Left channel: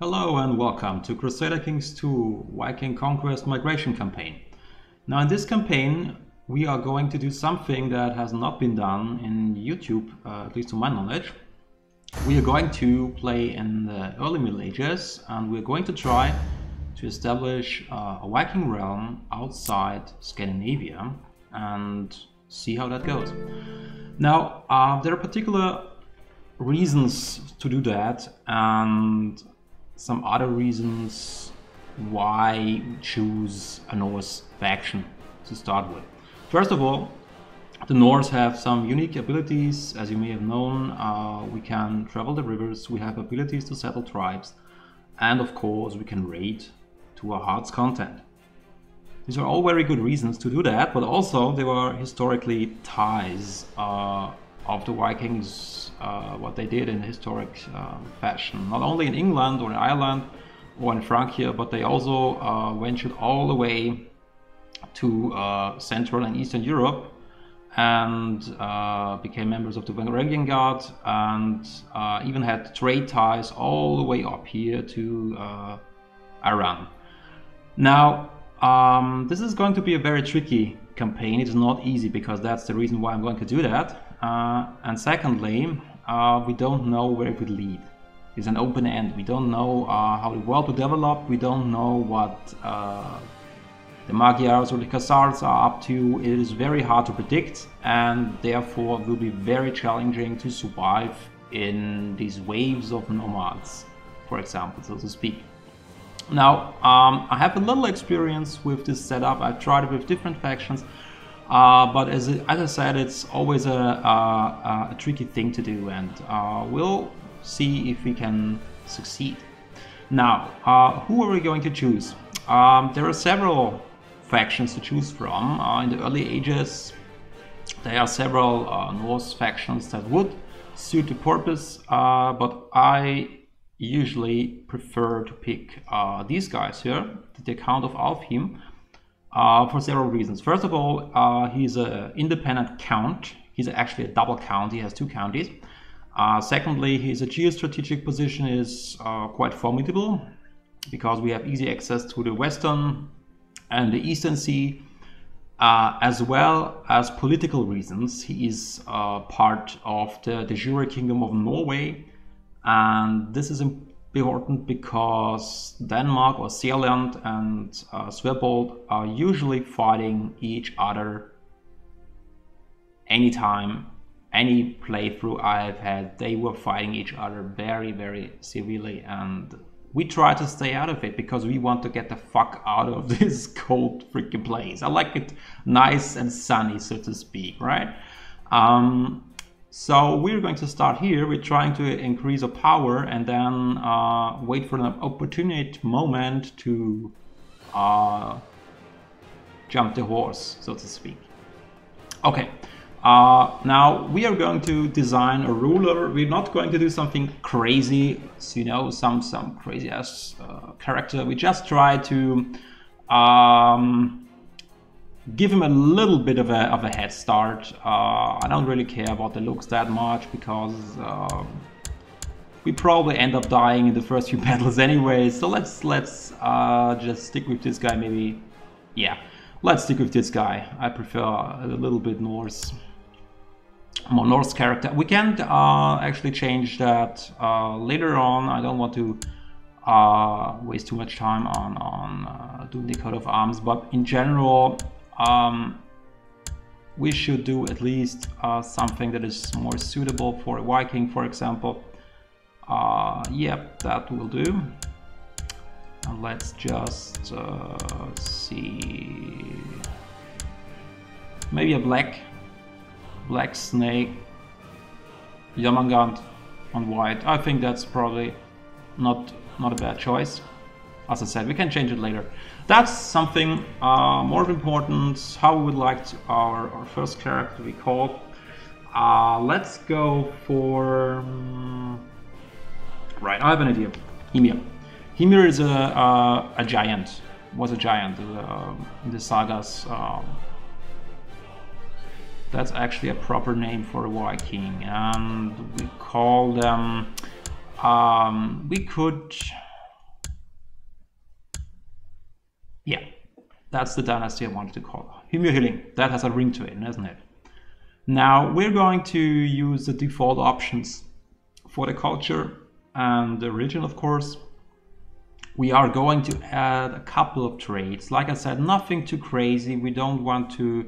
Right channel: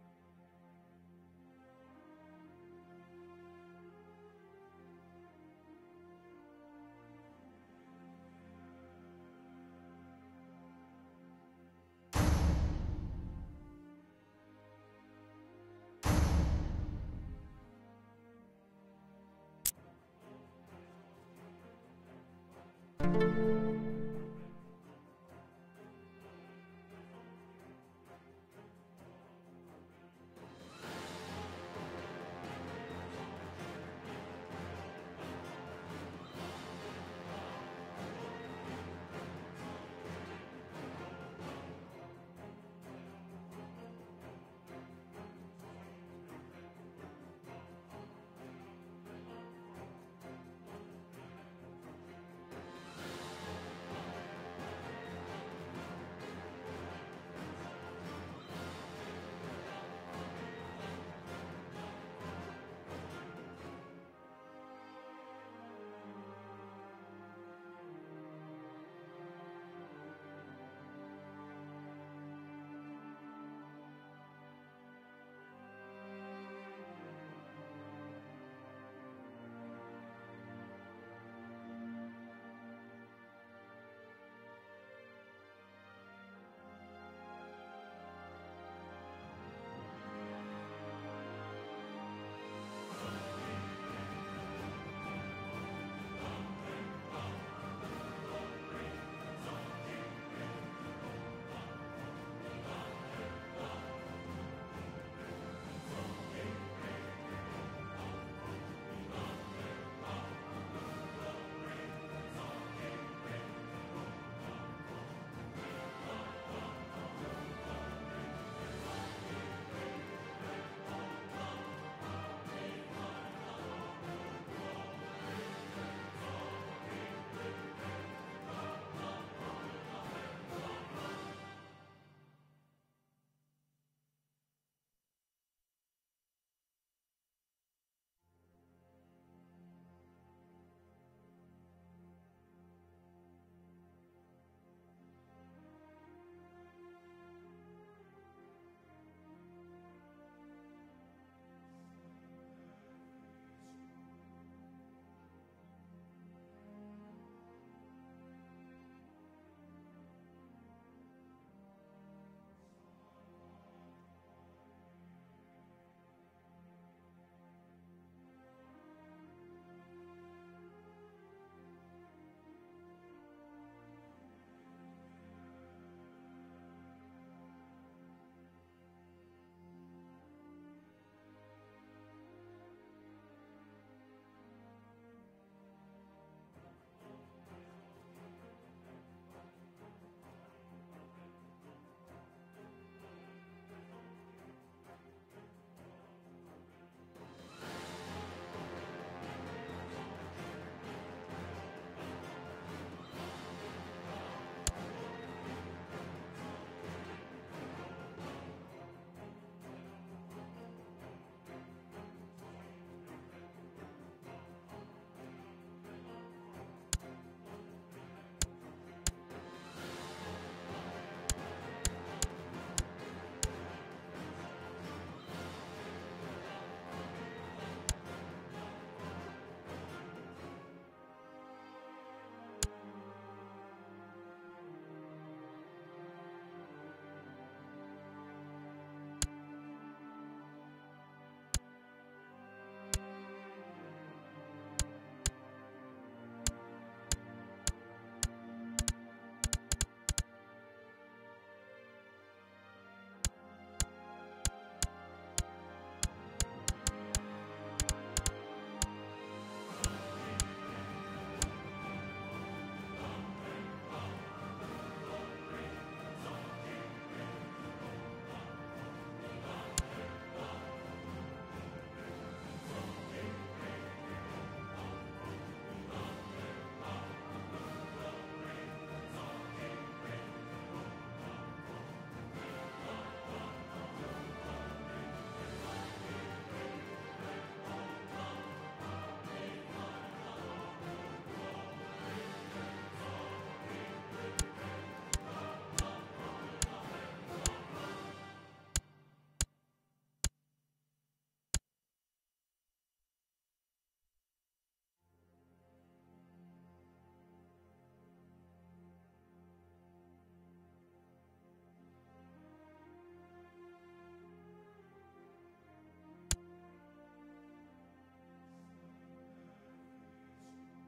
Hello and welcome to Crusader Kings 2 Viking Conquest Migration Campaign. Now in this campaign we are going to do something that has not been done in YouTube, at least to my knowledge. We are going to play in the early Middle Ages and we're going to try to establish a Viking realm outside Scandinavia and see how that goes. Now there are particular reasons to do that and some other reasons why we choose a Norse faction to start with. First of all, the Norse have some unique abilities. As you may have known, we can travel the rivers, we have abilities to settle tribes, and of course we can raid to our heart's content. These are all very good reasons to do that, but also there were historically ties of the Vikings, what they did in historic fashion, not only in England or in Ireland or in Francia, but they also ventured all the way to Central and Eastern Europe and became members of the Varangian Guard and even had trade ties all the way up here to Iran. Now, this is going to be a very tricky campaign. It is not easy because that's the reason why I'm going to do that. And secondly, we don't know where it would lead. It's an open end. We don't know how the world will develop. We don't know what the Magyars or the Khazars are up to. It is very hard to predict and therefore will be very challenging to survive in these waves of nomads, for example, so to speak. Now, I have a little experience with this setup. I've tried it with different factions. But as I said, it's always a tricky thing to do, and we'll see if we can succeed. Now, who are we going to choose? There are several factions to choose from. In the early ages, there are several Norse factions that would suit the purpose, but I usually prefer to pick these guys here, the Count of Alfheim. For several reasons. First of all, he's an independent count. He's actually a double count. He has two counties. Secondly, his geostrategic position is quite formidable because we have easy access to the Western and the Eastern Sea, as well as political reasons. He is part of the de jure Kingdom of Norway, and this is important because Denmark or Zealand and Sveabold are usually fighting each other anytime, any playthrough I've had. They were fighting each other very, very severely, and we try to stay out of it because we want to get the fuck out of this cold freaking place. I like it nice and sunny, so to speak, right? So we're going to start here. We're trying to increase our power and then wait for an opportune moment to jump the horse, so to speak. Okay, now we are going to design a ruler. We're not going to do something crazy, so, you know, some crazy ass character. We just try to give him a little bit of a head start. I don't really care about the looks that much because we probably end up dying in the first few battles anyway. So let's just stick with this guy. Maybe, yeah, let's stick with this guy. I prefer a little bit more Norse character. We can actually change that later on. I don't want to waste too much time on doing the coat of arms, but in general, we should do at least something that is more suitable for a Viking, for example. Yep, that will do. And let's just see, maybe a black snake, Jormungand on white. I think that's probably not a bad choice. As I said, we can change it later. That's something more of importance, how we would like our first character to be called. Let's go for... right, I have an idea. Hymir. Hymir is a giant, was a giant in the sagas. That's actually a proper name for a Viking, and we call them... we could Yeah, that's the dynasty I wanted to call. Hymir, that has a ring to it, doesn't it? Now we're going to use the default options for the culture and the religion, of course. We are going to add a couple of traits. Like I said, nothing too crazy. We don't want to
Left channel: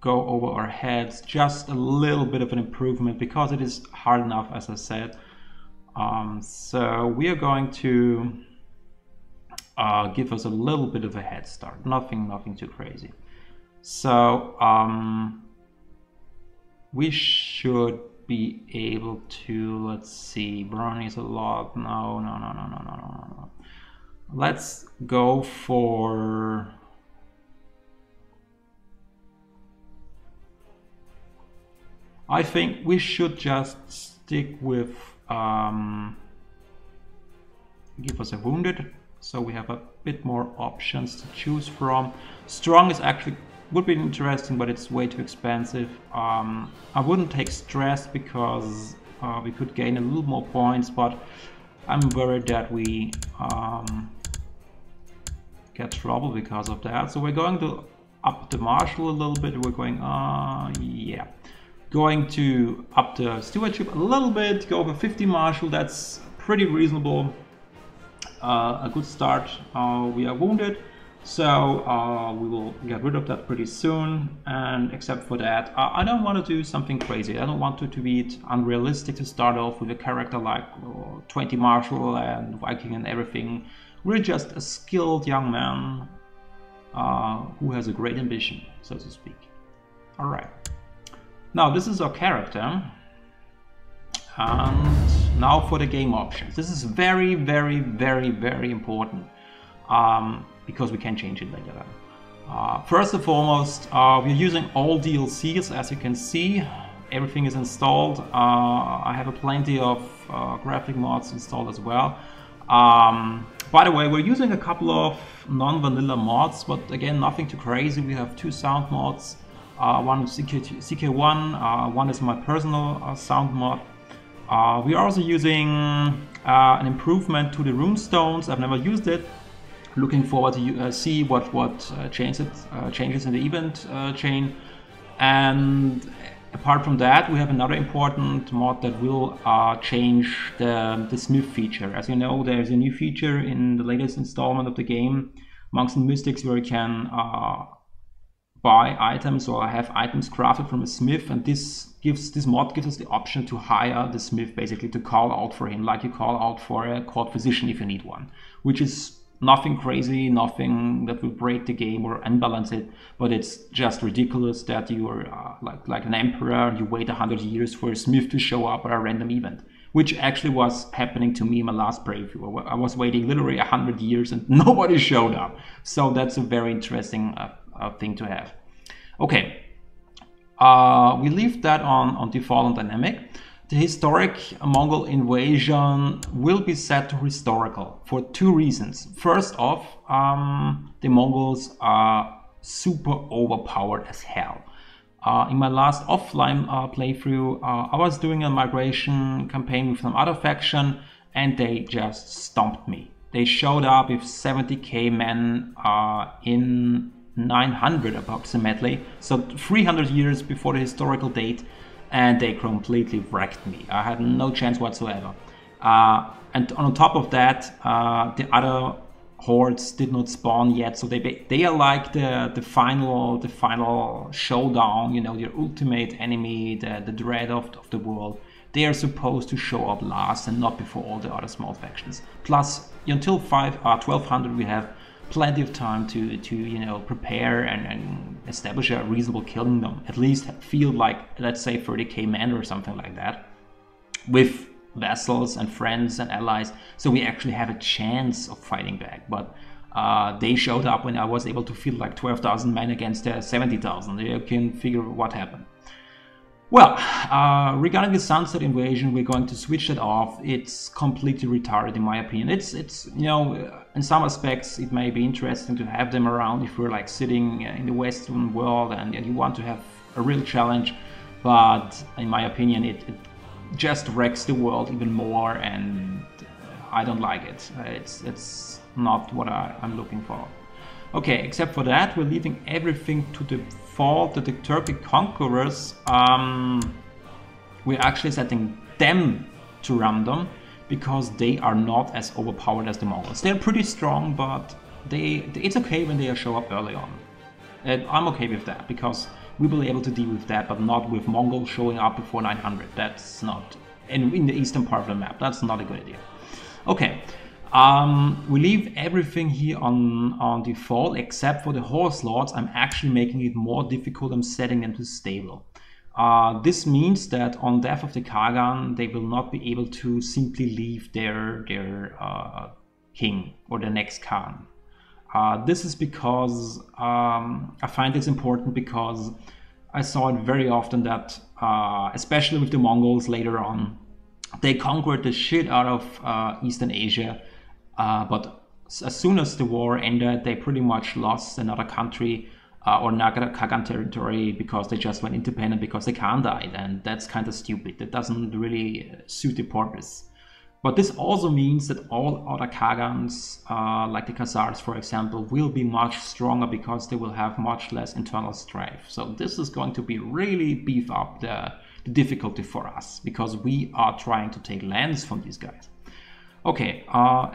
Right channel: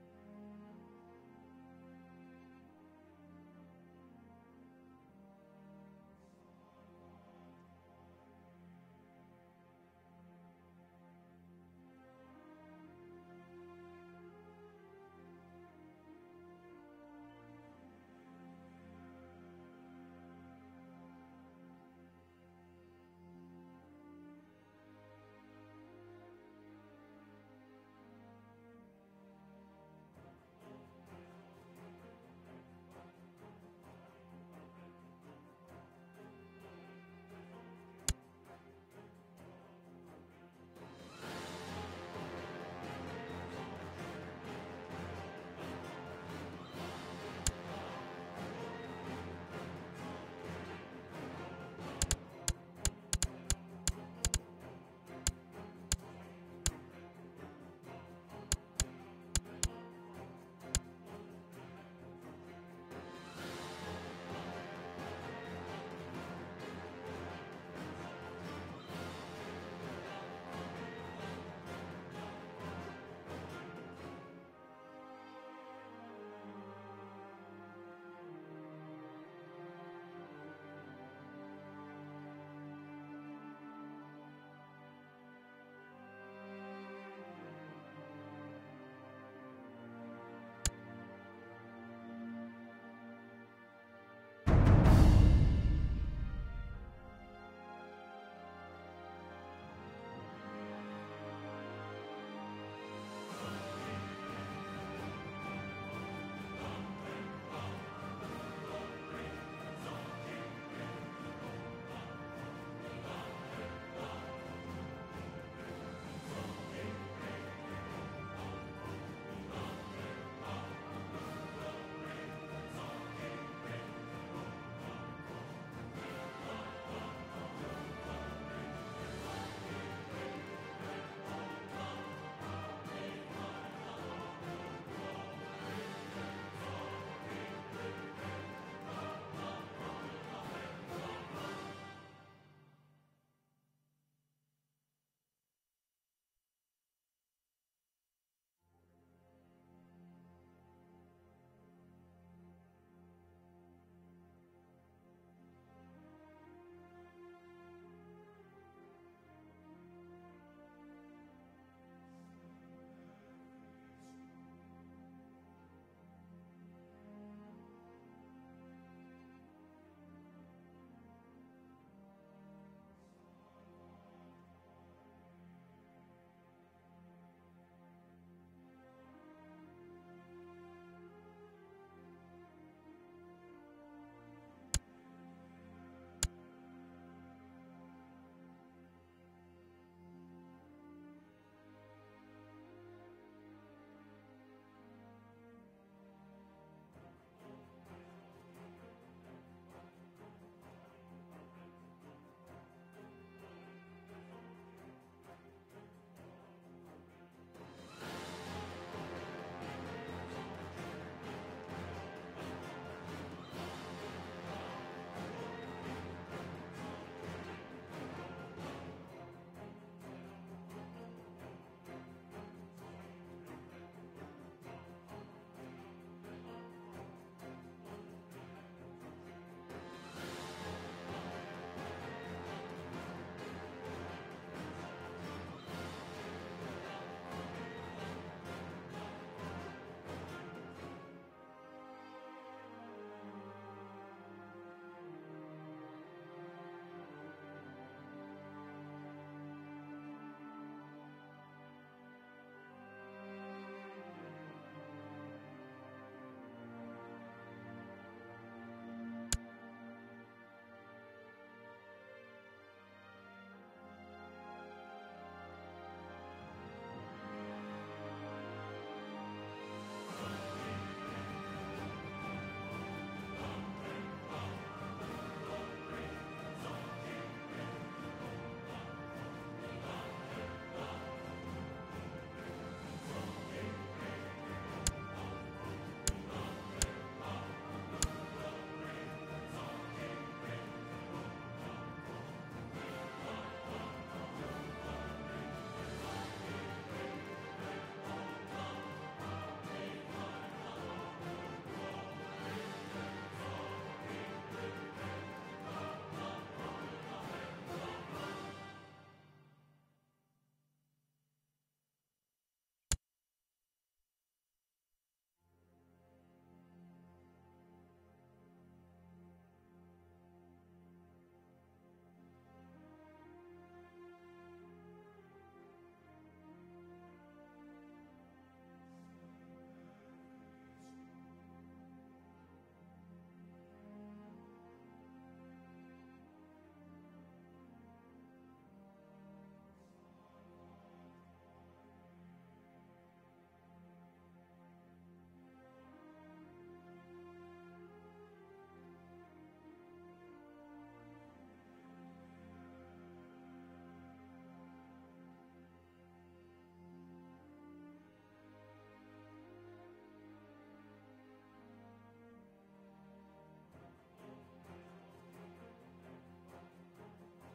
go over our heads. Just a little bit of an improvement because it is hard enough, as I said. So we are going to give us a little bit of a head start. Nothing too crazy. So we should be able to, let's see, burn is a lot. No. Let's go for I think we should just stick with give us a wounded, so we have a bit more options to choose from. Strong is actually would be interesting, but it's way too expensive. I wouldn't take stress because we could gain a little more points, but I'm worried that we get trouble because of that. So we're going to up the martial a little bit. We're going, yeah, going to up the stewardship a little bit. Go for 50 martial. That's pretty reasonable. A good start. We are wounded. So we will get rid of that pretty soon, and except for that, I don't want to do something crazy. I don't want it to be unrealistic to start off with a character like 20 martial and Viking and everything. We're just a skilled young man who has a great ambition, so to speak. Alright, now this is our character, and now for the game options. This is very important. Because we can change it later. First and foremost, we're using all DLCs, as you can see. Everything is installed. I have plenty of graphic mods installed as well. By the way, we're using a couple of non-vanilla mods, but again, nothing too crazy. We have 2 sound mods. One is CK1, one is my personal sound mod. We are also using an improvement to the runestones. I've never used it. Looking forward to see what changes in the event chain. And apart from that, we have another important mod that will change the smith feature. As you know, there's a new feature in the latest installment of the game, Monks and Mystics, where you can buy items or have items crafted from a smith, and this mod gives us the option to hire the smith, basically to call out for him, like you call out for a court physician if you need one, which is nothing crazy, nothing that will break the game or unbalance it, but it's just ridiculous that you are like an emperor and you wait 100 years for a smith to show up at a random event, which actually was happening to me in my last playthrough. I was waiting literally 100 years and nobody showed up. So that's a very interesting thing to have. Okay, we leave that on default and dynamic. The historic Mongol invasion will be set to historical for 2 reasons. First off, the Mongols are super overpowered as hell. In my last offline playthrough, I was doing a migration campaign with some other faction, and they just stomped me. They showed up with 70k men in 900 approximately, so 300 years before the historical date. And they completely wrecked me. I had no chance whatsoever. And on top of that, the other hordes did not spawn yet, so they are like the final showdown. You know, your ultimate enemy, the dread of the world. They are supposed to show up last and not before all the other small factions. Plus, until 1200, we have plenty of time to you know, prepare and establish a reasonable kingdom. At least field like, let's say, 30k men or something like that, with vassals and friends and allies, so we actually have a chance of fighting back. But they showed up when I was able to field like 12,000 men against 70,000. You can figure what happened. Well, regarding the Sunset Invasion, we're going to switch that off. It's completely retarded in my opinion. It's you know, in some aspects it may be interesting to have them around if we're like sitting in the Western world and you want to have a real challenge, but in my opinion it just wrecks the world even more, and I don't like it. It's not what I'm looking for. Okay, except for that, we're leaving everything to the default. The Turkic conquerors, we're actually setting them to random because they are not as overpowered as the Mongols. They're pretty strong, but it's okay when they show up early on. And I'm okay with that because we will be able to deal with that, but not with Mongols showing up before 900. That's not in the eastern part of the map. That's not a good idea. Okay. We leave everything here on default except for the horse lords. I'm actually making it more difficult. I'm setting them to stable. This means that on death of the Kagan, they will not be able to simply leave their king or the next Khan. This is because I find this important because I saw it very often that, especially with the Mongols later on, they conquered the shit out of Eastern Asia. But as soon as the war ended, they pretty much lost another country or another Kagan territory because they just went independent because the Khan died, and that's kind of stupid. That doesn't really suit the purpose. But this also means that all other Kagans, like the Khazars for example, will be much stronger because they will have much less internal strife. So this is going to be really beef up the difficulty for us because we are trying to take lands from these guys. Okay,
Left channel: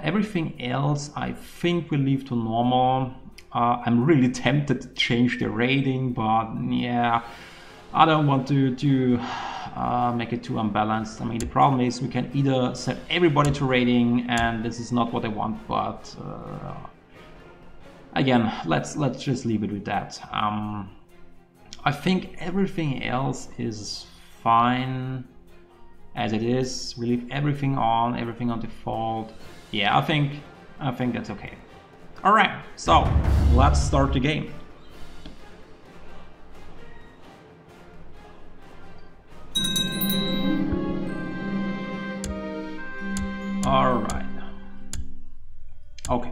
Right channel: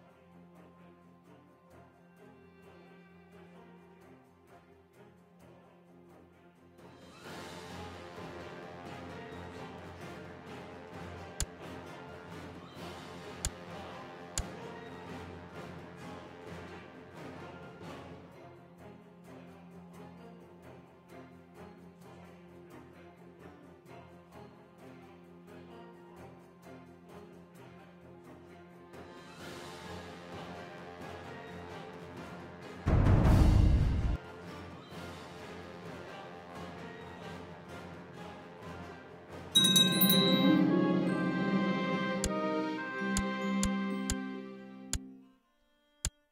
everything else I think we'll leave to normal. I'm really tempted to change the rating, but yeah, I don't want to make it too unbalanced. I mean, the problem is we can either set everybody to rating, and this is not what I want, but again, let's just leave it with that. I think everything else is fine as it is. We leave everything on default. Yeah, I think that's okay. All right, so let's start the game. All right. Okay.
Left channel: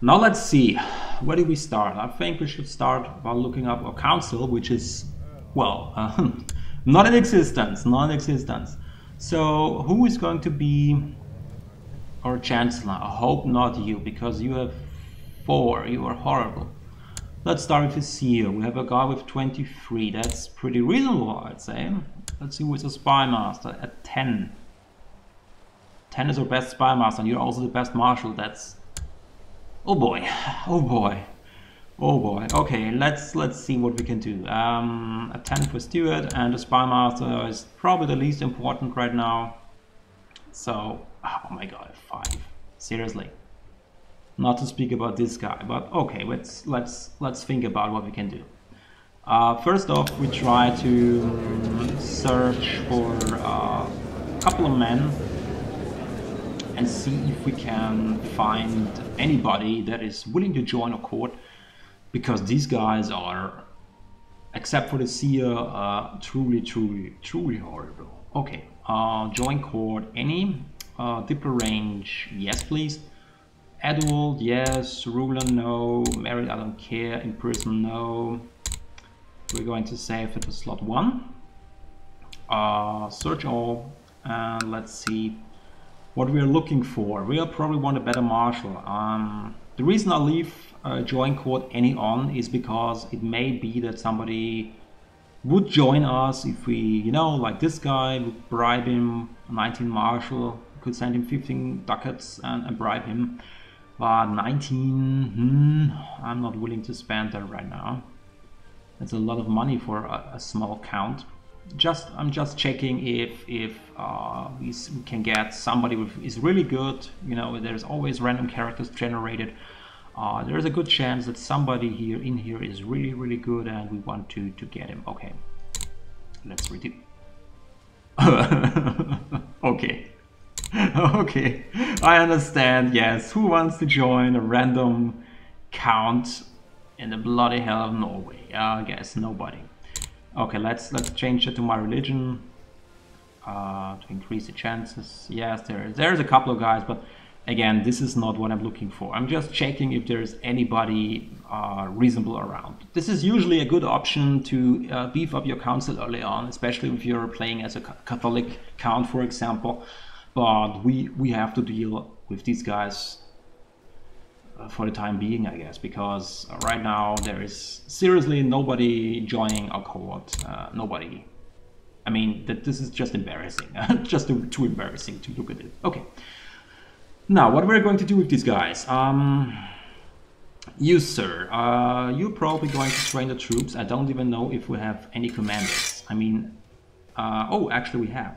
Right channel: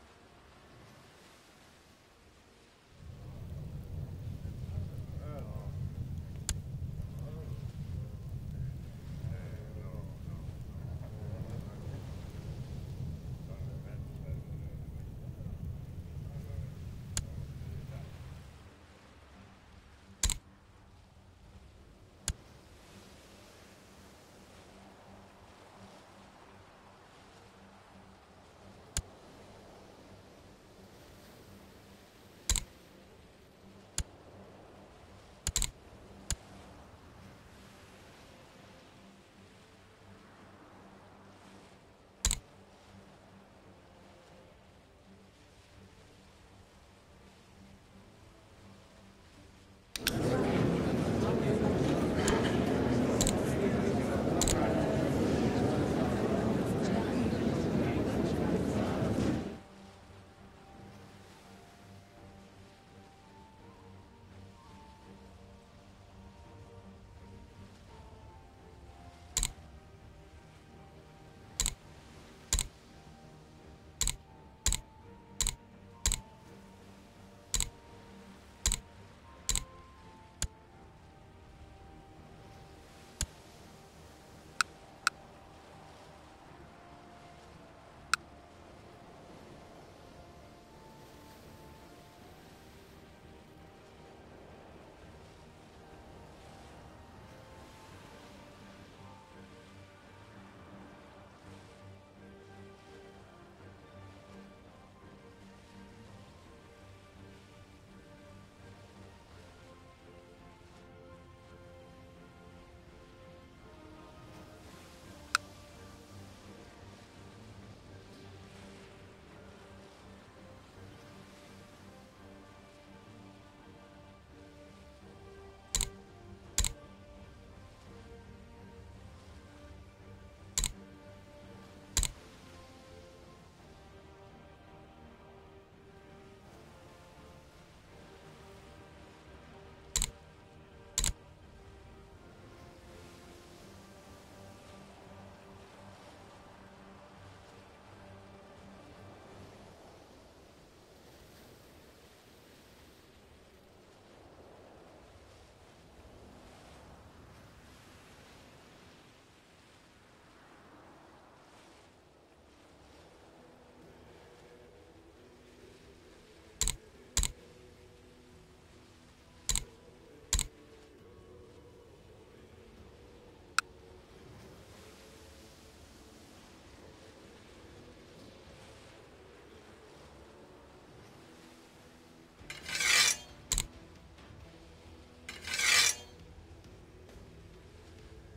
Now let's see. Where do we start? I think we should start by looking up our council, which is, well, not in existence, So who is going to be our chancellor? I hope not you, because you have 4. You are horrible. Let's start with the seer. We have a guy with 23. That's pretty reasonable, I'd say. Let's see who is a spy master at 10. 10 is our best spy master, and you're also the best marshal. That's, oh boy, oh boy. Oh boy. Okay, let's see what we can do. A 10 for Steward, and the spy master is probably the least important right now. So, oh my god, 5. Seriously. Not to speak about this guy, but okay, let's think about what we can do. First off, we try to search for a couple of men and see if we can find anybody that is willing to join our court. Because these guys are, except for the seer, truly horrible. Okay, join court, any? Diplo range, yes please. Adult, yes. Ruler, no. Married, I don't care. In prison, no. We're going to save it to slot 1. Search all, and let's see what we are looking for. We'll probably want a better marshal. The reason I leave join court any on is because it may be that somebody would join us if we, you know, like this guy, would bribe him 19 marshal, could send him 15 ducats and bribe him. But 19, I'm not willing to spend that right now. That's a lot of money for a small count. I'm just checking if we can get somebody who is really good. You know, there's always random characters generated. There's a good chance that somebody in here is really good, and we want to get him. Okay, let's redo. Okay. Okay, I understand. Yes, who wants to join a random count in the bloody hell of Norway? I guess nobody. Okay, let's change it to my religion to increase the chances. Yes, there's a couple of guys, but again, this is not what I'm looking for. I'm just checking if there's anybody reasonable around. This is usually a good option to beef up your council early on, especially if you're playing as a Catholic count, for example, but we have to deal with these guys for the time being, I guess, because right now there is seriously nobody joining our cohort. Nobody. I mean, this is just embarrassing. Just too embarrassing to look at it. Okay. Now, what we're going to do with these guys? You, sir, you're probably going to train the troops. I don't even know if we have any commanders. I mean, oh, actually we have.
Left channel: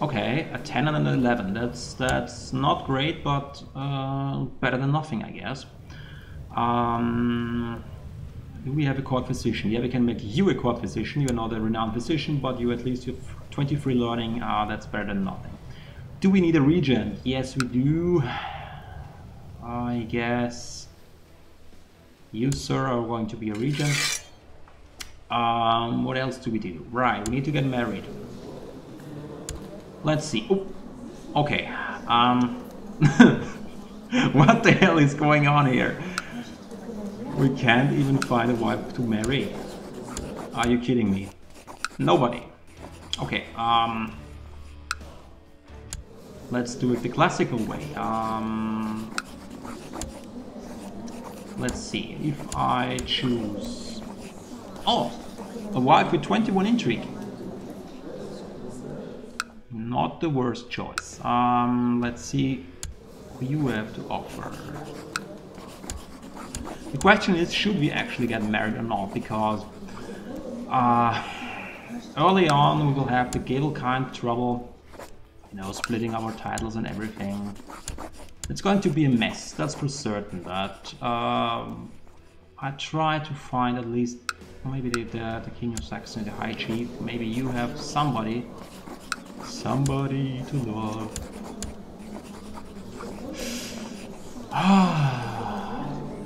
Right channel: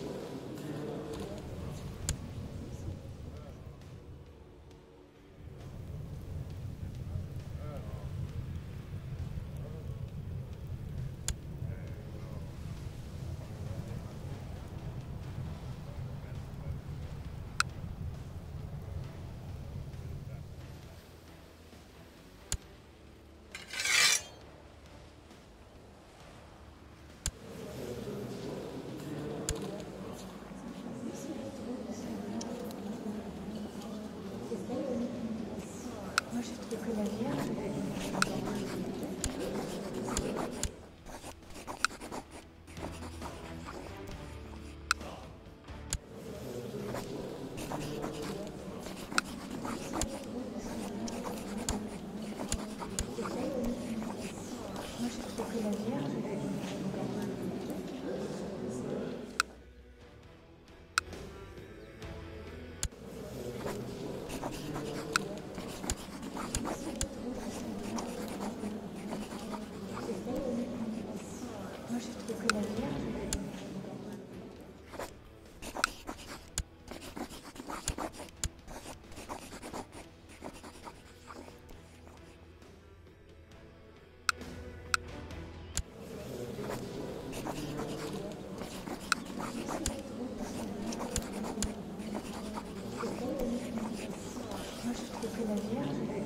Okay, a 10 and an 11. That's not great, but better than nothing, I guess. We have a court physician. Yeah, we can make you a court physician. You're not a renowned physician, but you at least have 23 learning. That's better than nothing. Do we need a regent? Yes, we do. I guess you, sir, are going to be a regent. What else do we do? Right, we need to get married. Let's see. Oh, okay. What the hell is going on here? We can't even find a wife to marry. Are you kidding me? Nobody. Okay. Let's do it the classical way. Let's see. If I choose... Oh! A wife with 21 intrigue. Not the worst choice. Let's see what you have to offer. The question is, should we actually get married or not? Because early on we will have the Gale kind trouble, you know, splitting our titles and everything. It's going to be a mess, that's for certain. But I try to find at least maybe the King of Saxony, the High Chief. Maybe you have somebody to love.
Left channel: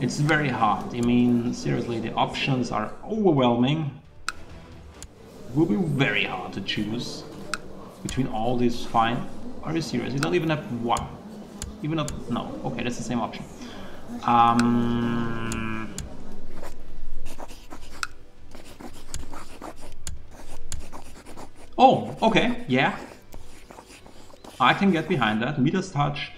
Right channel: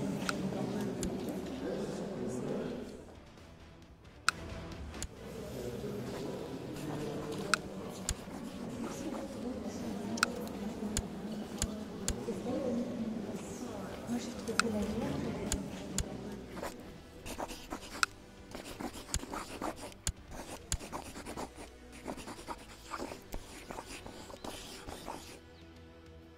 It's very hard. I mean, seriously, the options are overwhelming. It will be very hard to choose between all these fine. Are you serious? You don't even have one. Even not. No. Okay, that's the same option. Oh, okay, yeah. I can get behind that. Midas touch.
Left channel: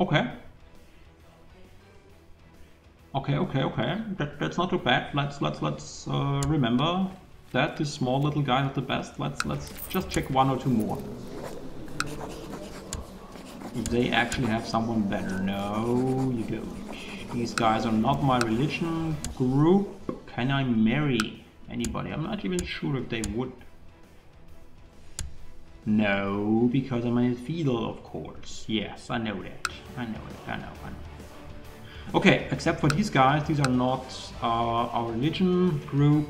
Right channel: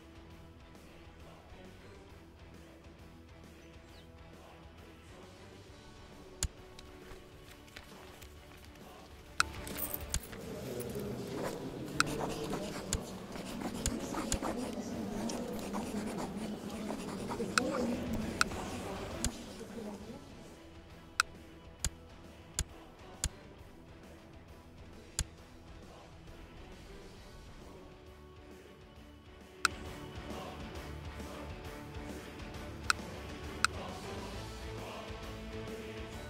Okay. Okay. That's not too bad. Let's remember that this small little guy is the best. Let's just check one or two more. They actually have someone better. No, you don't. These guys are not my religion group. Can I marry anybody? I'm not even sure if they would. No, because I'm a feudal, of course. Yes, I know that. I know. Okay, except for these guys, these are not our religion group.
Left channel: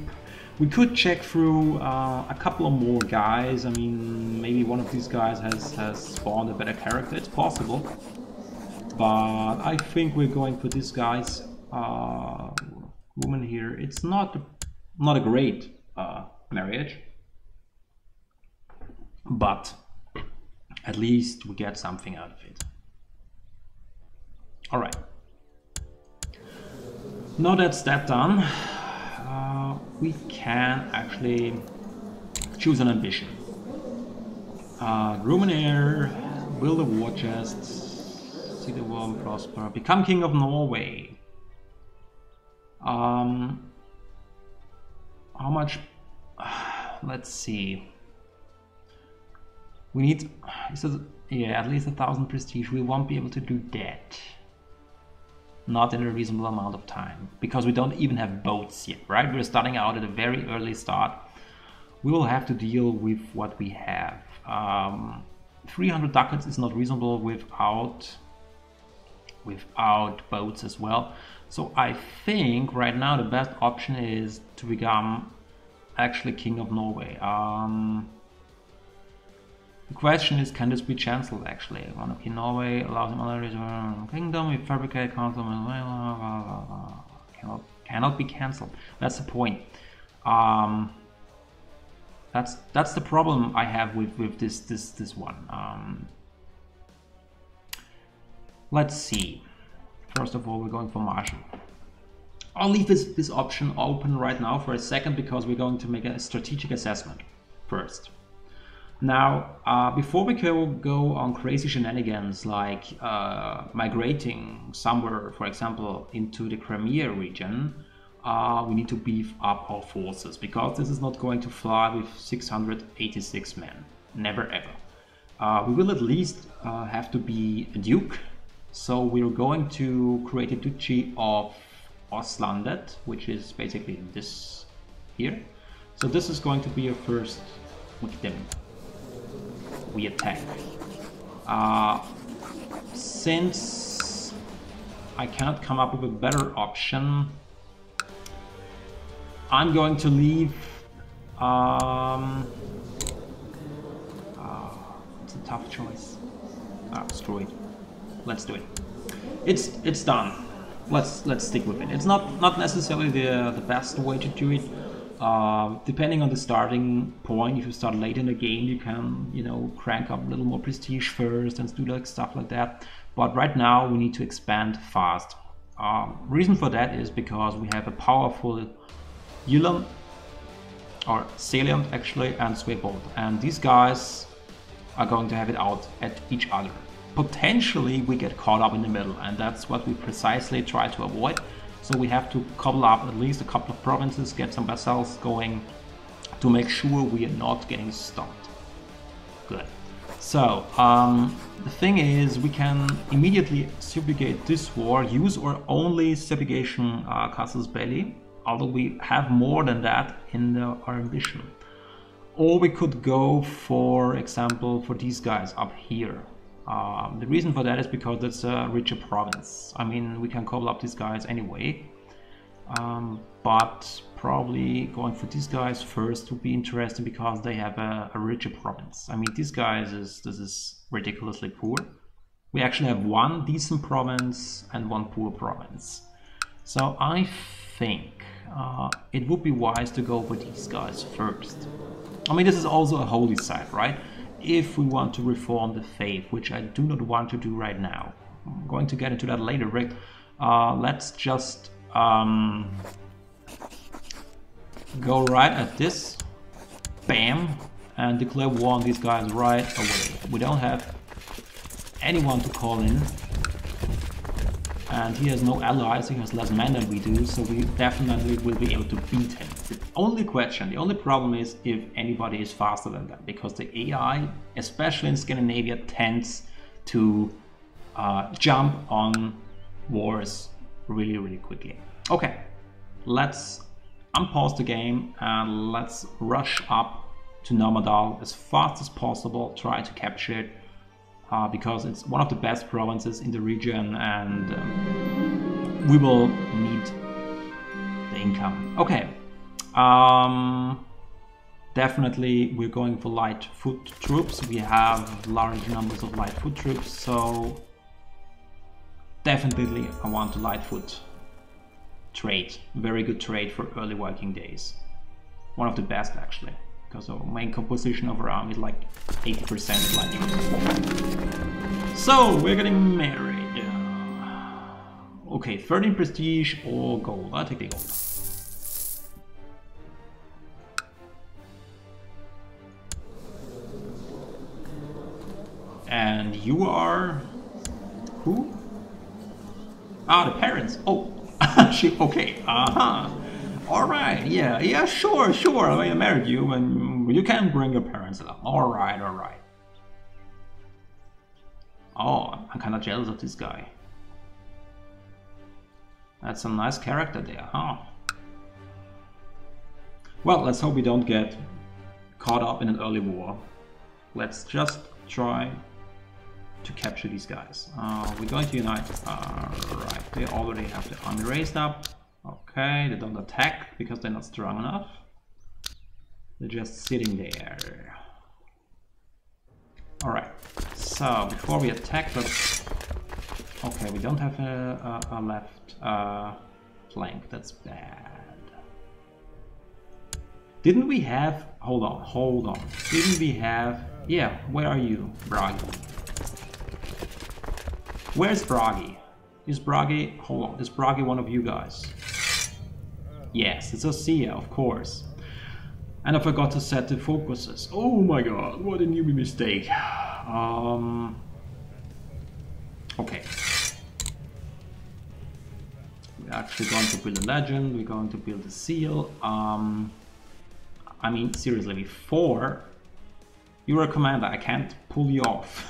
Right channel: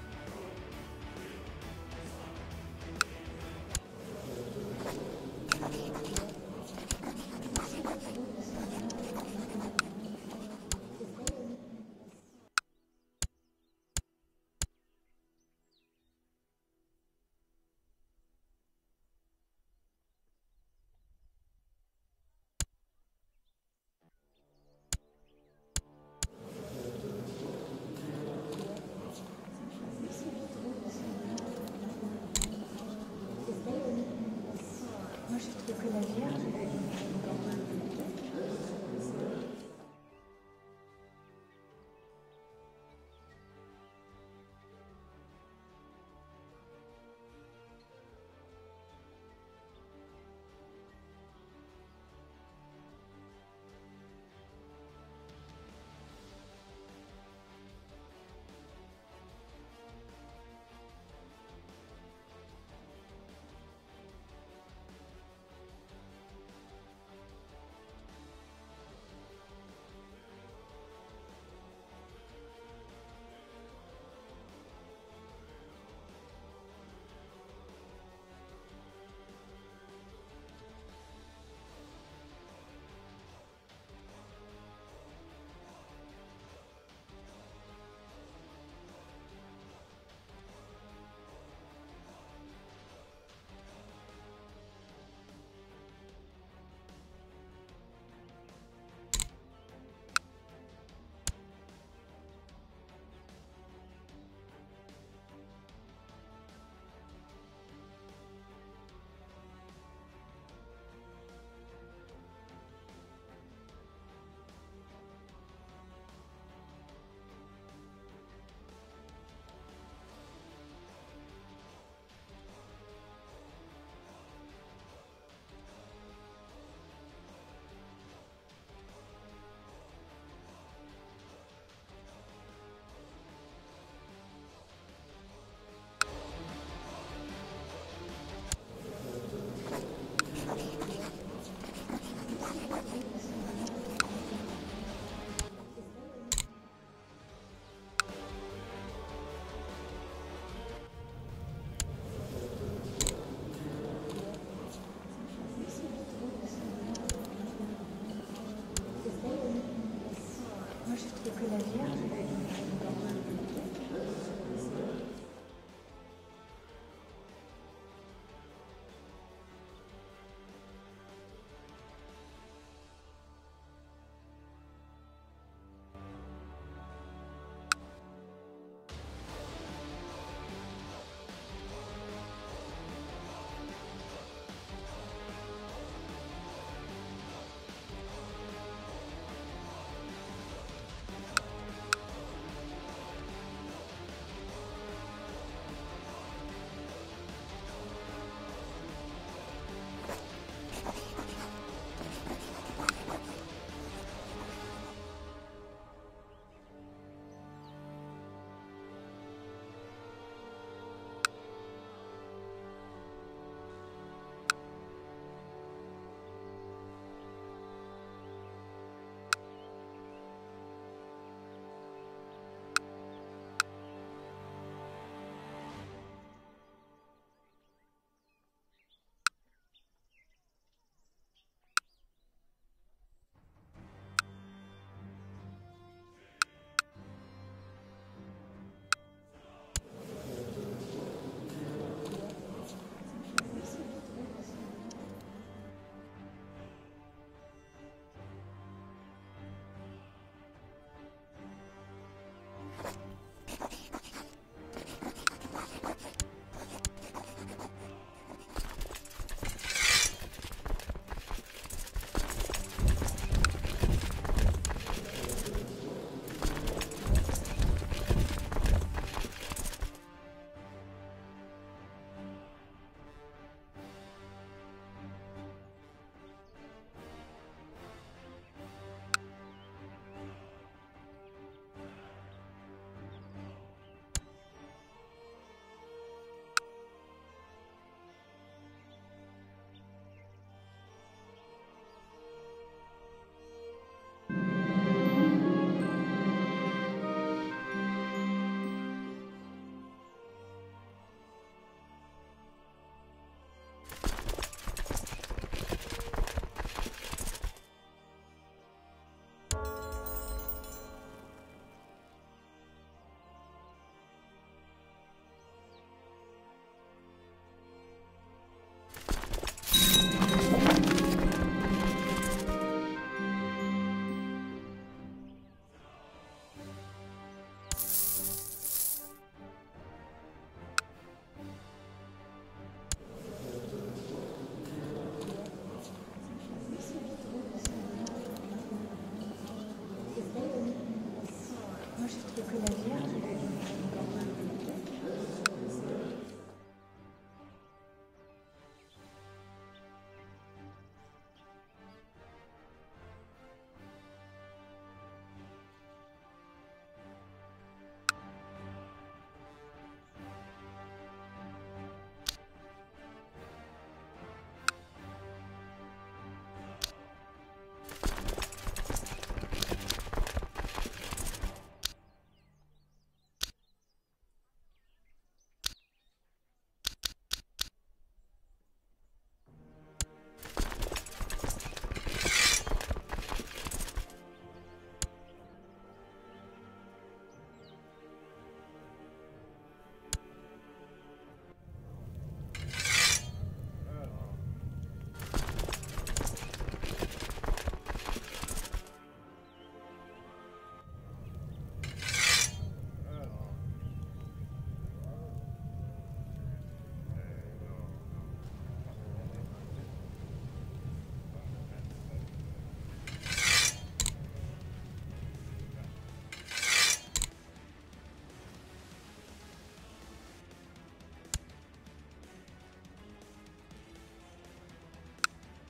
We could check through a couple of more guys. I mean, maybe one of these guys has spawned a better character. It's possible. But I think we're going for this guy's woman here. It's not a great marriage. But at least we get something out of it. Alright. Now that's that done, we can actually choose an ambition. Room and air, build a war chest, see the world prosper, become king of Norway. How much? Let's see. We need, yeah, at least 1,000 prestige. We won't be able to do that. Not in a reasonable amount of time, because we don't even have boats yet, right? We're starting out at a very early start. We will have to deal with what we have. 300 ducats is not reasonable without boats as well. So I think right now the best option is to become actually king of Norway. The question is, can this be cancelled actually? Monarchy Norway allows another kingdom, we fabricate council, cannot be cancelled. That's the point. That's the problem I have with this one. Let's see. First of all, we're going for Marshall. I'll leave this option open right now for a second because we're going to make a strategic assessment first. Now, before we go on crazy shenanigans like migrating somewhere, for example, into the Crimea region, we need to beef up our forces because this is not going to fly with 686 men. Never ever. We will at least have to be a duke. So we're going to create a duchy of Ostlandet, which is basically this here. So this is going to be a first victim. We attack. Since I cannot come up with a better option, I'm going to leave. It's a tough choice. Screw it. Let's do it. It's done. Let's stick with it. It's not necessarily the best way to do it. Depending on the starting point, if you start late in the game, you can, you know, crank up a little more prestige first and do like stuff like that. But right now we need to expand fast. Reason for that is because we have a powerful Ulan, or Salient actually, and Swaybolt, and these guys are going to have it out at each other. Potentially we get caught up in the middle, and that's what we precisely try to avoid. So we have to cobble up at least a couple of provinces, get some vassals going to make sure we are not getting stopped. Good. So the thing is, we can immediately subjugate this war, use our only subjugation casus belli, although we have more than that in our ambition. Or we could go, for example, for these guys up here. The reason for that is because it's a richer province. I mean, we can cobble up these guys anyway, but probably going for these guys first would be interesting because they have a richer province. I mean, these guys this is ridiculously poor. We actually have one decent province and one poor province. So I think it would be wise to go for these guys first. I mean, this is also a holy site, right? If we want to reform the faith, which I do not want to do right now. I'm going to get into that later, Rick. Let's just go right at this, bam, and declare war on these guys right away. We don't have anyone to call in, and he has no allies, he has less men than we do, so we definitely will be able to beat him. The only question, the only problem is if anybody is faster than that, because the AI, especially in Scandinavia, tends to jump on wars really, really quickly. Okay, let's unpause the game and let's rush up to Normadal as fast as possible, try to capture it, because it's one of the best provinces in the region, and we will need the income. Okay. Definitely we're going for light foot troops. We have large numbers of light foot troops, so definitely I want a light foot trade. Very good trade for early Viking days. One of the best actually, because our main composition of our army is like 80% light. So we're getting married. Okay, 13 prestige or gold. I'll take the gold. And you are who? Ah, the parents. Oh, she. Okay. All right. Yeah. Sure. I mean, I married you, and you can bring your parents along. All right. Oh, I'm kind of jealous of this guy. That's a nice character there, huh? Well, let's hope we don't get caught up in an early war. Let's just try to capture these guys. We're going to unite. Right, we already have the army raised up. Okay, they don't attack because they're not strong enough. They're just sitting there. Alright, so before we attack, let's... Okay, we don't have a left flank, that's bad. Didn't we have... Hold on. Didn't we have... Yeah, where are you, Bragi? Where's Bragi? Is Bragi... Hold on, is Bragi one of you guys? Yes, it's a Sia, of course. And I forgot to set the focuses. Oh my god, what a newbie mistake. Okay. We're actually going to build a legend, we're going to build a seal. I mean, seriously, before you're a commander, I can't pull you off.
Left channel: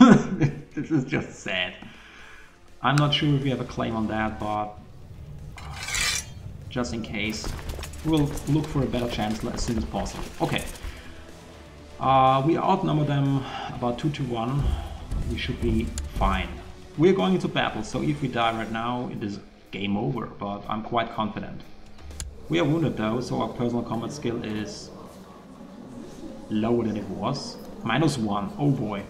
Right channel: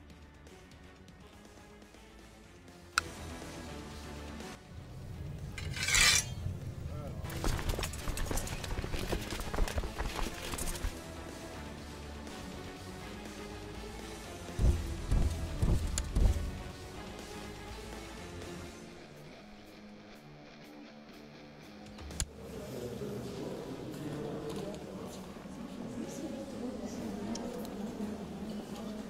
This is just sad. I'm not sure if we have a claim on that, but just in case, we'll look for a better chance as soon as possible. Okay. We outnumber them about 2-1. We should be fine. We're going into battle, so if we die right now, it is game over, but I'm quite confident. We are wounded though, so our personal combat skill is lower than it was. -1, oh boy.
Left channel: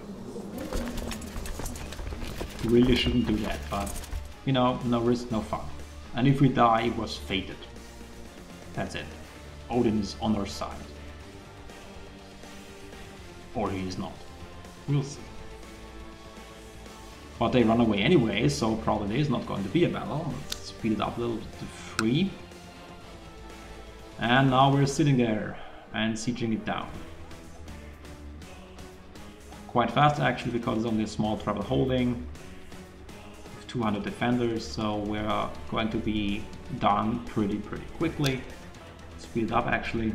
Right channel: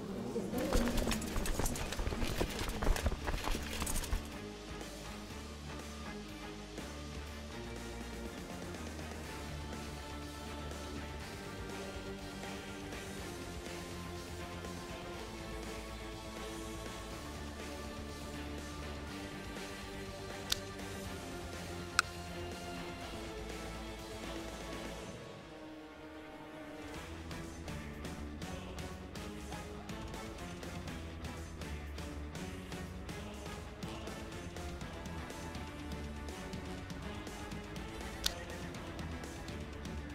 Really shouldn't do that, but you know, no risk, no fun. And if we die, it was fated. That's it. Odin is on our side. Or he is not. We'll see. But they run away anyway, so probably there's not going to be a battle. Let's speed it up a little to 3. And now we're sitting there and sieging it down. Quite fast actually, because it's only a small trouble holding. 200 defenders, so we're going to be done pretty quickly. Speed it up actually.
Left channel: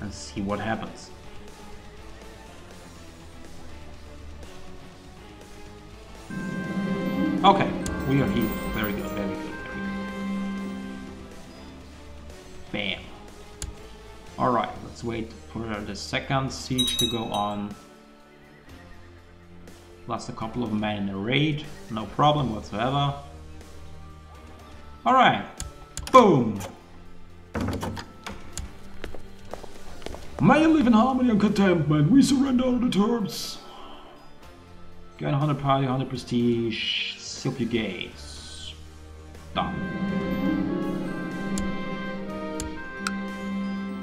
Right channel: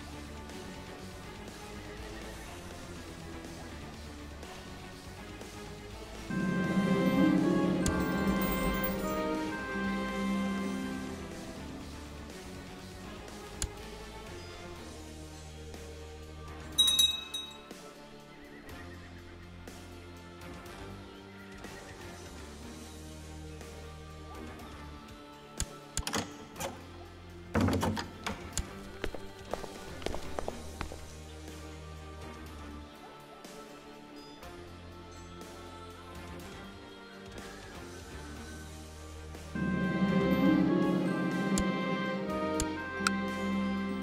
And see what happens. Okay, we are here. Very good, very good. Bam. Alright, let's wait for the second siege to go on. Plus a couple of men in a raid, no problem whatsoever. Alright, boom! May you live in harmony and contentment, we surrender all the terms. Get 100 party, 100 prestige, subjugates. Done.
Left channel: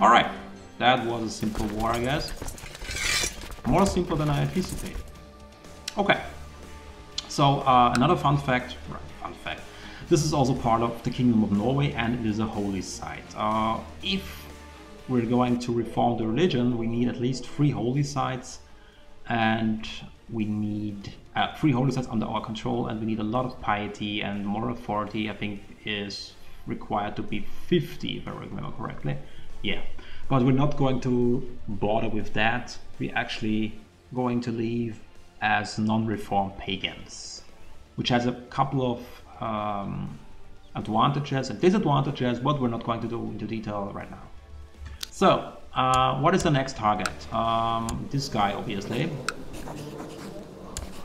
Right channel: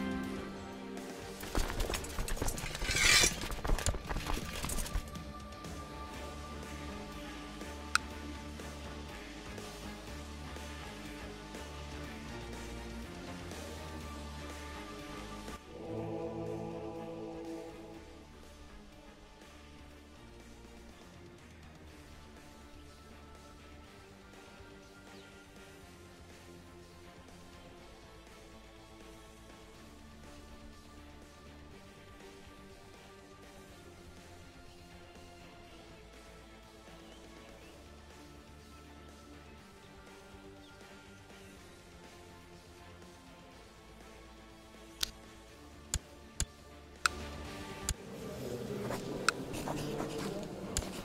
Alright, that was a simple war, I guess. More simple than I anticipated. Okay, so another fun fact, this is also part of the Kingdom of Norway and it is a holy site. If we're going to reform the religion, we need at least 3 holy sites, and we need 3 holy sites under our control, and we need a lot of piety, and moral authority I think is required to be 50 if I remember correctly. Yeah, but we're not going to bother with that. We're actually going to leave as non-reformed pagans, which has a couple of advantages and disadvantages, but we're not going to go into detail right now. So, what is the next target? This guy, obviously.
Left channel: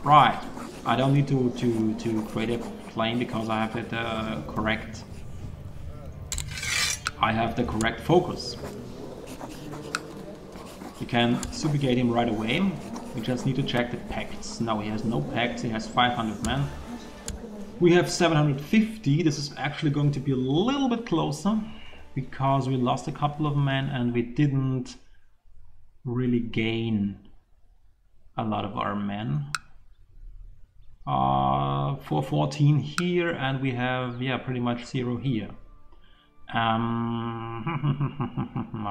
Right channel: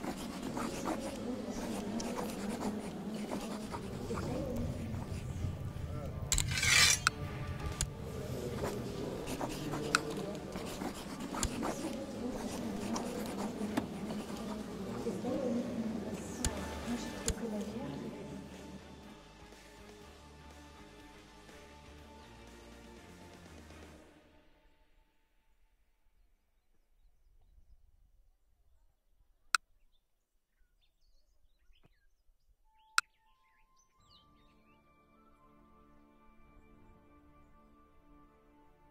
Right, I don't need to create a plane because I have the correct. I have the correct focus. You can subjugate him right away. We just need to check the pacts. No, he has no pacts. He has 500 men. We have 750. This is actually going to be a little bit closer because we lost a couple of men and we didn't really gain a lot of our men. 414 here, and we have, yeah, pretty much 0 here. Are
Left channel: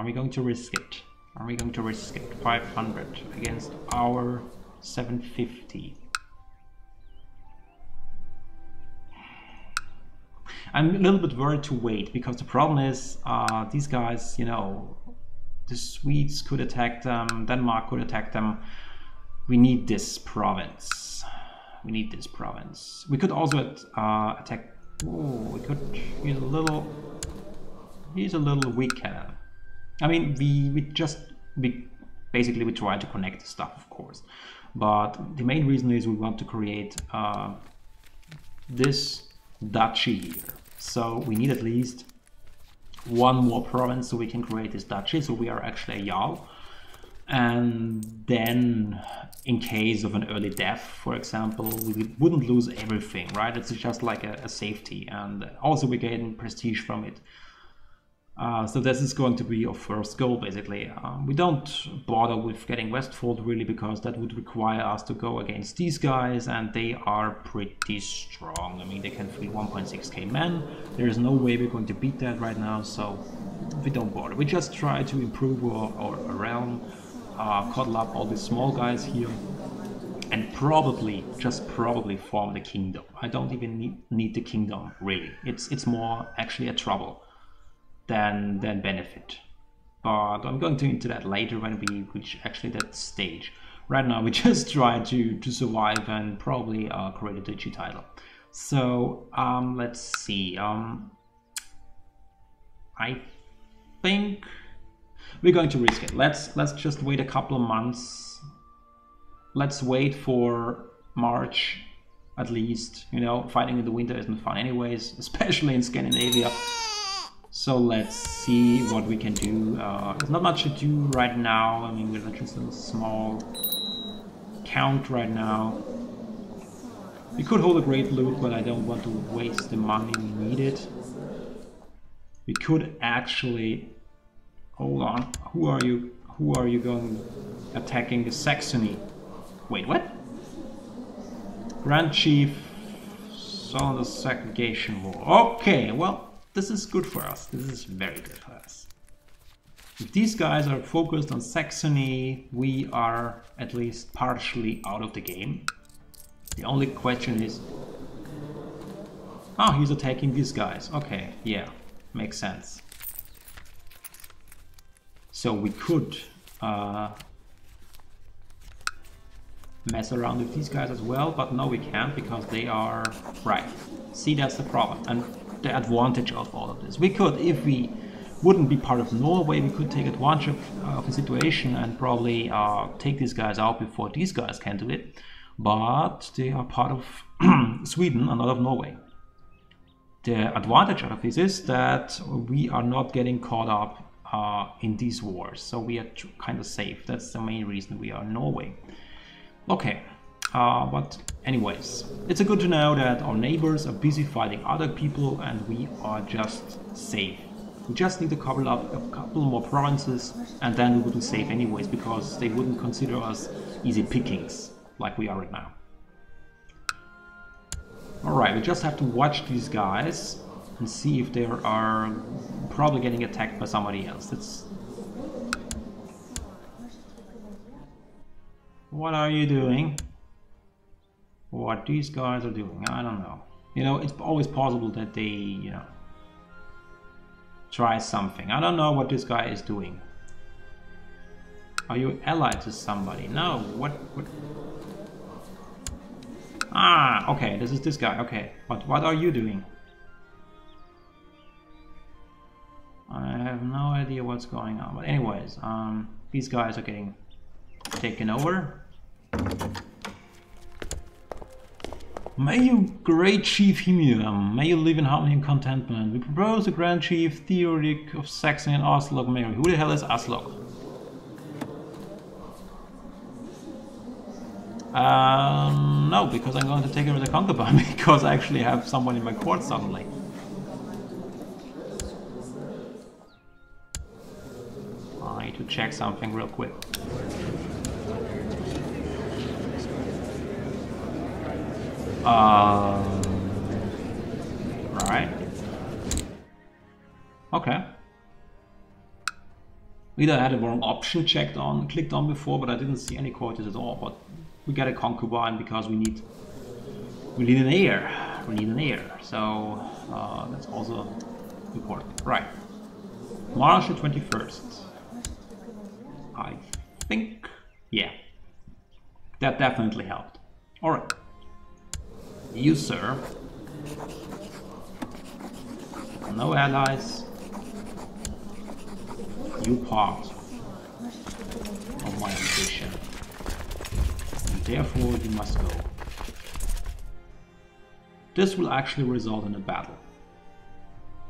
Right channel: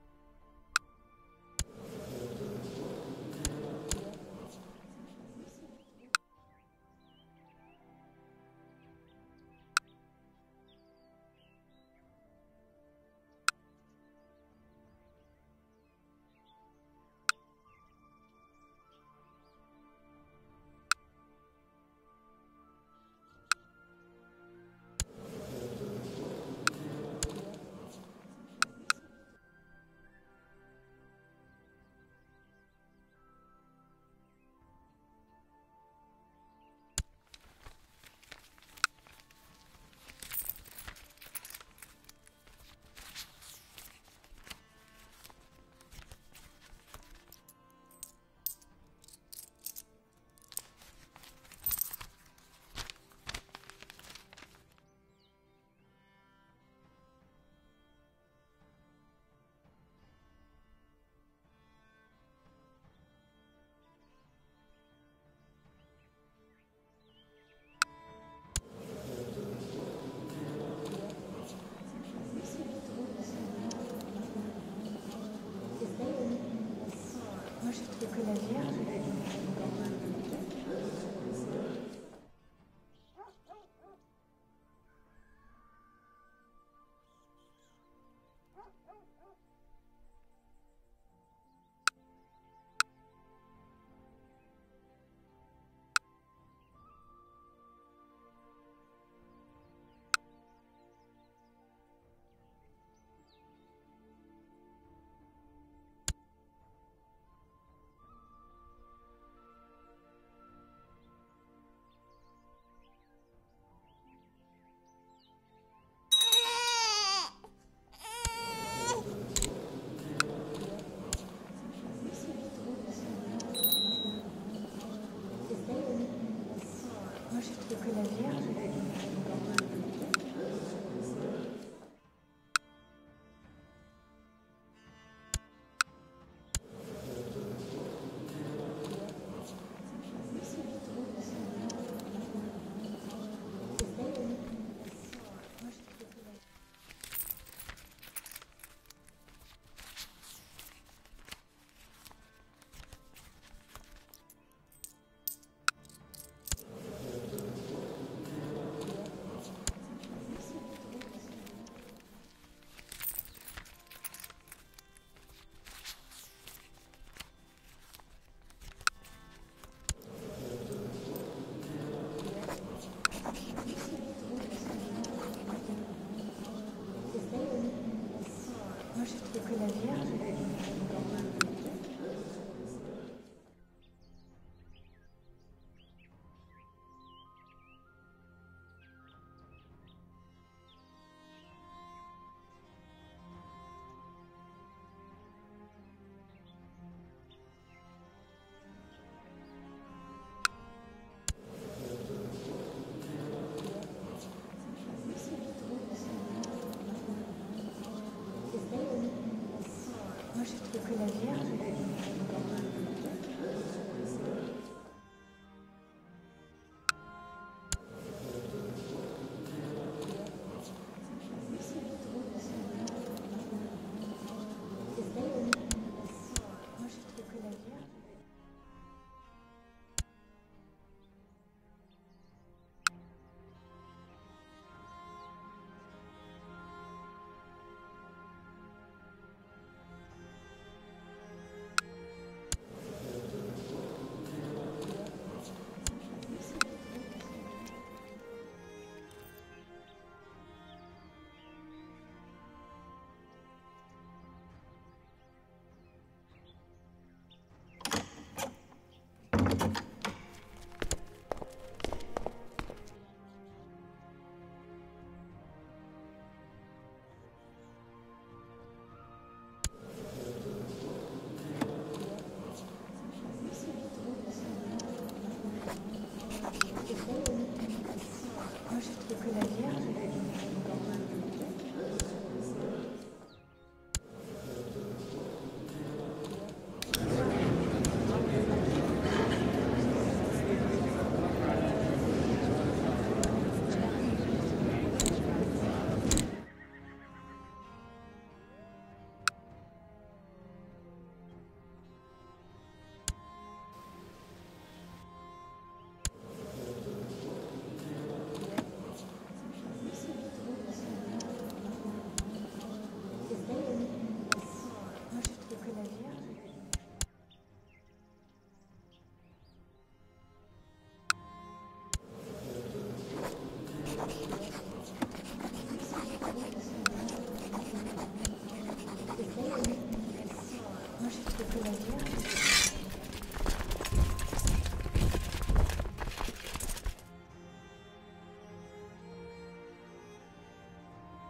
we going to risk it? Are we going to risk it? 500 against our 750. I'm a little bit worried to wait, because the problem is these guys, you know, the Swedes could attack them, Denmark could attack them. We need this province. We need this province. We could also attack. Oh, we could use a little. He's a little weak cannon. I mean, we basically we try to connect the stuff, of course, but the main reason is we want to create this duchy here. So we need at least 1 more province so we can create this duchy. So we are actually a Jarl. And then in case of an early death, for example, we wouldn't lose everything, right? It's just like a safety, and also we gain prestige from it. So this is going to be our first goal, basically. We don't bother with getting Westfold really, because that would require us to go against these guys, and they are pretty strong. I mean, they can free 1.6k men. There is no way we're going to beat that right now, so we don't bother. We just try to improve our realm, cuddle up all these small guys here, and probably, just probably form the kingdom. I don't even need the kingdom, really. It's more actually a trouble than benefit. But I'm going to into that later when we reach actually that stage. Right now we just try to survive and probably create a digi title. So let's see. I think we're going to risk it. Let's just wait a couple of months. Let's wait for March at least. You know, fighting in the winter isn't fun anyways, especially in Scandinavia. So let's see what we can do. There's not much to do right now. I mean, we're just in a small count right now. We could hold a great loot, but I don't want to waste the money we need it. We could actually... Hold on. Who are you? Who are you going attacking the Saxony? Wait, what? Grand Chief saw the segregation war. Okay, well, this is good for us. This is very good for us. If these guys are focused on Saxony, we are at least partially out of the game. The only question is... Oh, he's attacking these guys. Okay, yeah, makes sense. So we could mess around with these guys as well, but no, we can't, because they are... Right. See, that's the problem and the advantage of all of this. We could, if we wouldn't be part of Norway, we could take advantage of the situation and probably take these guys out before these guys can do it. But they are part of Sweden and not of Norway. The advantage of this is that we are not getting caught up in these wars, so we are kind of safe. That's the main reason we are in Norway. Okay, but anyways, it's good to know that our neighbors are busy fighting other people and we are just safe. We just need to cover up a couple more provinces and then we would be safe anyways, because they wouldn't consider us easy pickings like we are right now. Alright, we just have to watch these guys and see if they are probably getting attacked by somebody else. What are you doing? What these guys are doing, I don't know. You know, it's always possible that they, you know, try something. I don't know what this guy is doing. Are you allied to somebody? No, what? Ah, okay, this is this guy, okay. But what are you doing? I have no idea what's going on. But anyways, these guys are getting taken over. May you, great Chief Hymir, may you live in harmony and contentment. We propose the Grand Chief Theodoric of Saxony and Aslog Mary. Who the hell is Aslog? No, because I'm going to take over the concubine, because I actually have someone in my court suddenly. I need to check something real quick. Right. Okay. Either I had a wrong option clicked on before, but I didn't see any quotas at all. But we got a concubine because we need an heir. We need an heir. So that's also important. Right. March the 21st. I think, yeah, that definitely helped. All right. You, sir. No allies. You part of my position. And therefore you must go. This will actually result in a battle.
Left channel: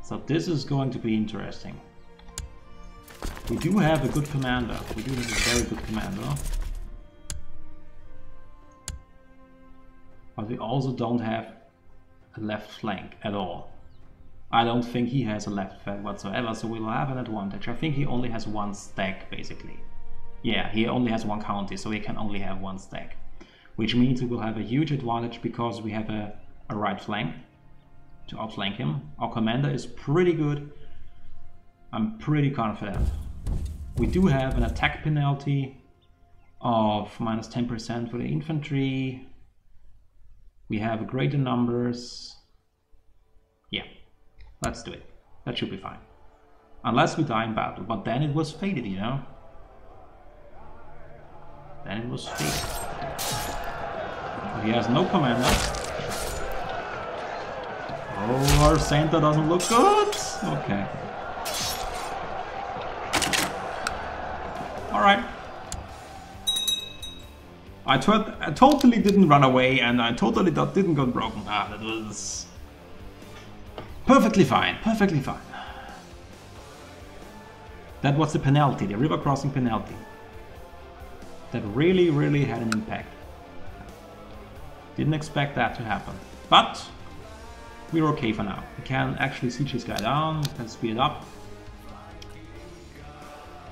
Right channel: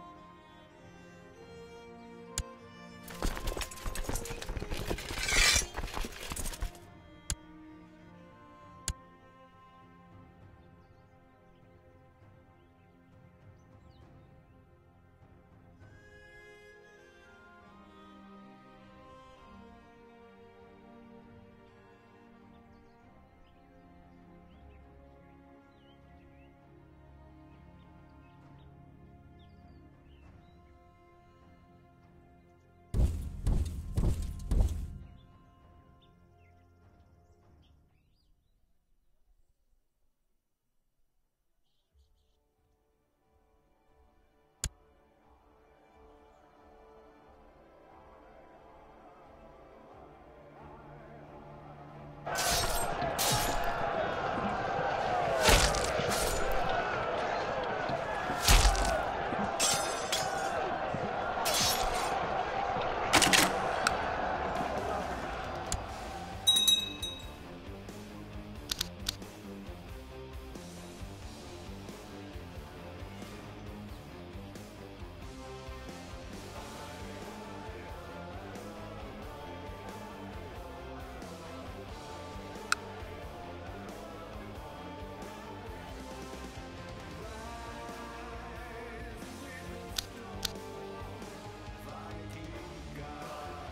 So this is going to be interesting. We do have a good commander. We do have a very good commander. But we also don't have a left flank at all. I don't think he has a left flank whatsoever, so we'll have an advantage. I think he only has one stack, basically. Yeah, he only has one county, so he can only have one stack. Which means we will have a huge advantage because we have a right flank to outflank him. Our commander is pretty good. I'm pretty confident. We do have an attack penalty of minus 10% for the infantry. We have greater numbers. Yeah, let's do it. That should be fine. Unless we die in battle, but then it was fated, you know? Then it was fated. He has no commander. Oh, our center doesn't look good. Okay. Alright. I totally didn't run away and I totally didn't go broken. Ah, that was perfectly fine, perfectly fine. That was the penalty, the river crossing penalty. That really, really had an impact. Didn't expect that to happen. But we're okay for now. We can actually siege this guy down, can speed it up.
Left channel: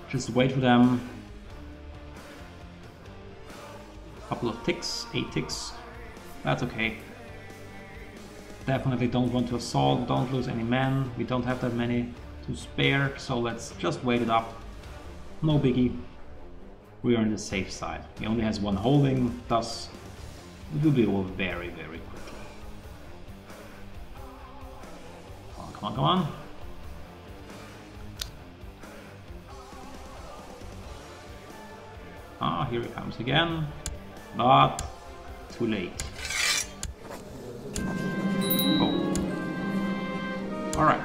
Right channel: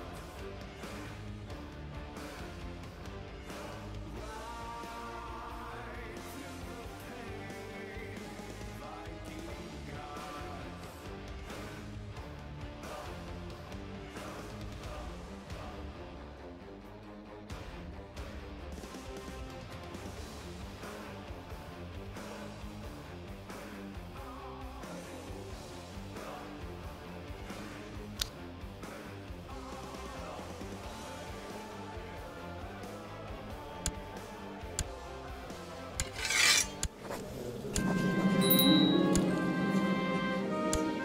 Just wait for them. Couple of ticks, 8 ticks. That's okay. Definitely don't want to assault, don't lose any men. We don't have that many to spare, so let's just wait it up. No biggie. We are on the safe side. He only has one holding, thus it will be all very, very quick. Oh, come on, come on. Ah, here he comes again. But too late. Oh. Alright.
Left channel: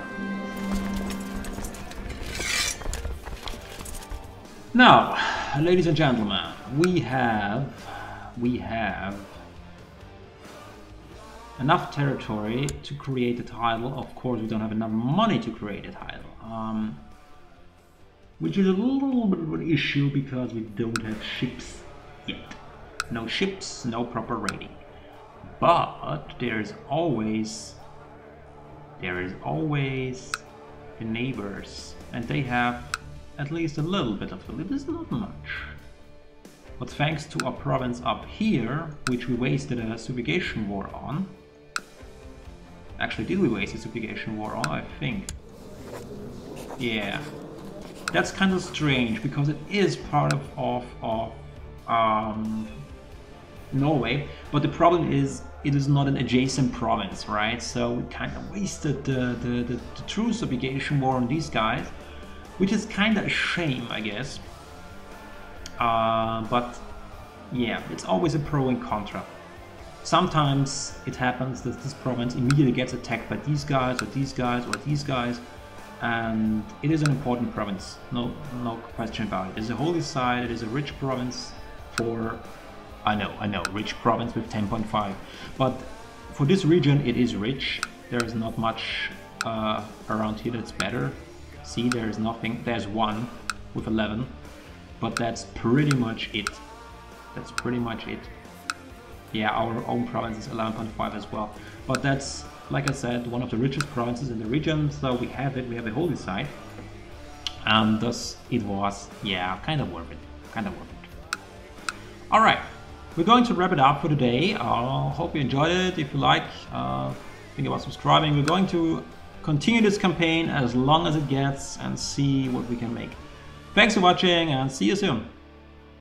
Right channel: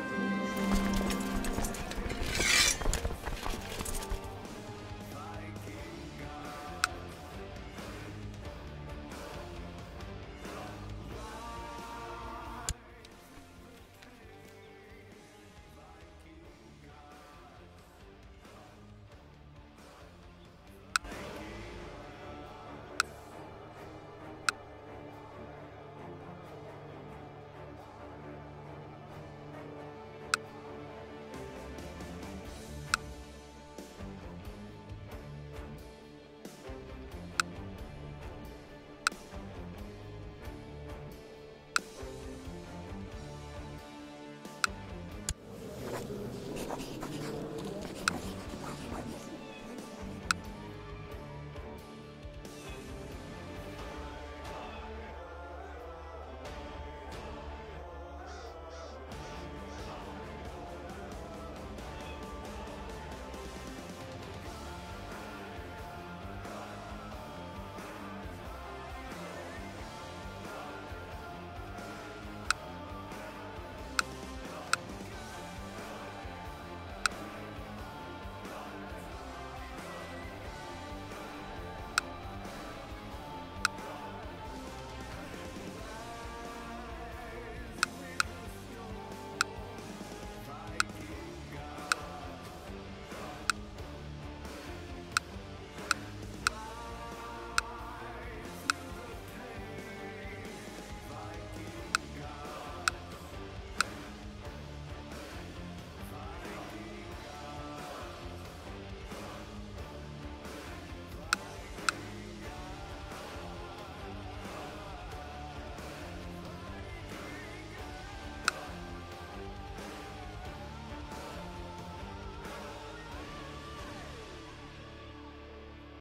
Now, ladies and gentlemen, we have enough territory to create a title. Of course, we don't have enough money to create a title. Which is a little bit of an issue because we don't have ships yet. No ships, no proper rating. But there is always the neighbors, and they have at least a little bit of food. It is not much. But thanks to our province up here, which we wasted a subjugation war on. Actually, did we waste a subjugation war on? I think. Yeah. That's kind of strange because it is part of Norway, but the problem is it is not an adjacent province, right? So we kind of wasted the true subjugation war on these guys, which is kind of a shame, I guess. But yeah, it's always a pro and contra. Sometimes it happens that this province immediately gets attacked by these guys or these guys or these guys, and it is an important province, no question about it. It is a holy site, it is a rich province for... I know, rich province with 10.5, but for this region it is rich. There is not much around here that's better. See, there is nothing. There's one with 11, but that's pretty much it. That's pretty much it. Yeah, our own province is 11.5 as well, but that's, like I said, one of the richest provinces in the region, so we have it. We have a holy site, and thus it was, yeah, kind of worth it. All right. We're going to wrap it up for today. Hope you enjoyed it. If you like, think about subscribing. We're going to continue this campaign as long as it gets and see what we can make. Thanks for watching and see you soon.